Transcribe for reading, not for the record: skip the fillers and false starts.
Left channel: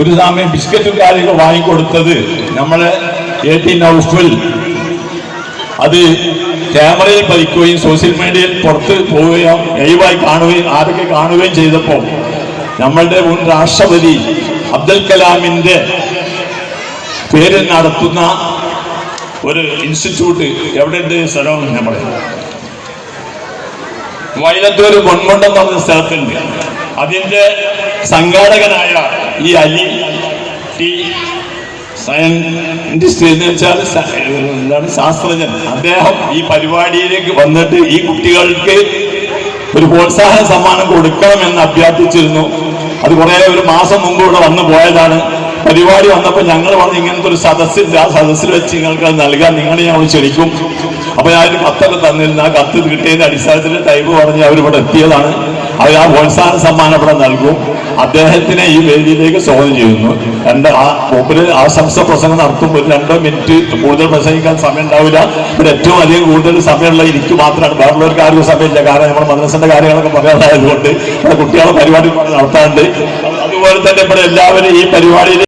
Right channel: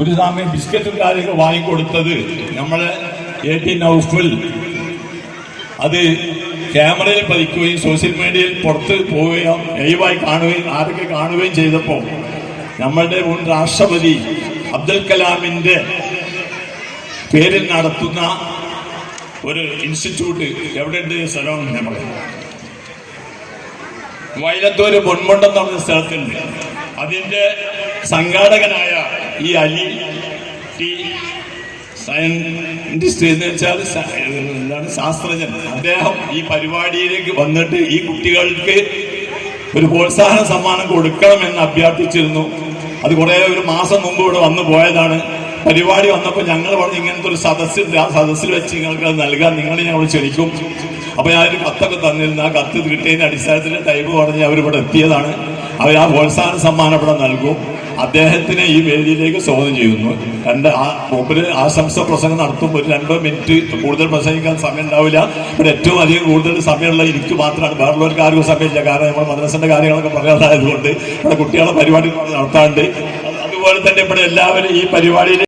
ഒരു സമയം ബിസ്ക്കറ്റും കാര്യങ്ങൾ വാങ്ങിക്കൊടുത്തത് നമ്മളെ AT നൗഫൽ അത് ക്യാമറയിൽ പതിക്കുകയും സോഷ്യൽ മീഡിയയിൽ പുറത്ത് പോവുകയും ലൈവായി കാണുകയും ആരൊക്കെ കാണുകയും ചെയ്തപ്പോൾ നമ്മളുടെ മുൻ രാഷ്ട്രപതി അബ്ദുൽ കലാമിന്റെ പേരിൽ നടത്തുന്ന ഒരു ഇൻസ്റ്റിറ്റ്യൂട്ട് എവിടെയുണ്ട് സ്ഥലം ഞാൻ പറയാം, വയലത്തൂര് പൊന്മുണ്ടം എന്ന് പറഞ്ഞ സ്ഥലത്തുണ്ട്. അതിന്റെ സംഘാടകനായ ഈ അലി ടി സയന്റിസ്റ്റ് എന്ന് വെച്ചാൽ എന്താണ് ശാസ്ത്രജ്ഞൻ, അദ്ദേഹം ഈ പരിപാടിയിലേക്ക് വന്നിട്ട് ഈ കുട്ടികൾക്ക് ഒരു പ്രോത്സാഹന സമ്മാനം കൊടുക്കണമെന്ന് അഭ്യർത്ഥിച്ചിരുന്നു. അത് ഒരു മാസം മുമ്പ് ഇവിടെ വന്നു പോയതാണ്. പരിപാടി വന്നപ്പോൾ ഞങ്ങൾ പറഞ്ഞു ഇങ്ങനത്തെ ഒരു സദസ്സിൽ, ആ സദസ്സിൽ വെച്ച് നിങ്ങൾക്ക് അത് നൽകാൻ നിങ്ങളെ ഞങ്ങൾ ക്ഷണിക്കും. അപ്പൊ ഞാനൊരു കത്തൊക്കെ തന്നിരുന്നു. ആ കത്ത് കിട്ടിയതിന്റെ അടിസ്ഥാനത്തിൽ ടൈപ്പ് പറഞ്ഞ് അവരിവിടെ എത്തിയതാണ്. അവർ ആ പ്രോത്സാഹന സമ്മാനം ഇവിടെ നൽകും. അദ്ദേഹത്തിനെ ഈ വേദിയിലേക്ക് സ്വാഗതം ചെയ്യുന്നു. മൂപ്പര് ആശംസ പ്രസംഗം നടത്തുമ്പോൾ 2 മിനിറ്റ് കൂടുതൽ പ്രസംഗിക്കാൻ സമയം ഉണ്ടാവില്ല. ഇവിടെ ഏറ്റവും അധികം കൂടുതൽ സമയമുള്ള എനിക്ക് മാത്രമാണ്, വേറുള്ളവർക്ക് ആർക്കും സമയമില്ല. കാരണം നമ്മുടെ മദ്രസന്റെ കാര്യങ്ങളൊക്കെ പറയാനായതുകൊണ്ട് ഇവിടെ കുട്ടികളെ പരിപാടി നടത്താറുണ്ട്. അതുപോലെ തന്നെ ഇവിടെ എല്ലാവരും ഈ പരിപാടിയിൽ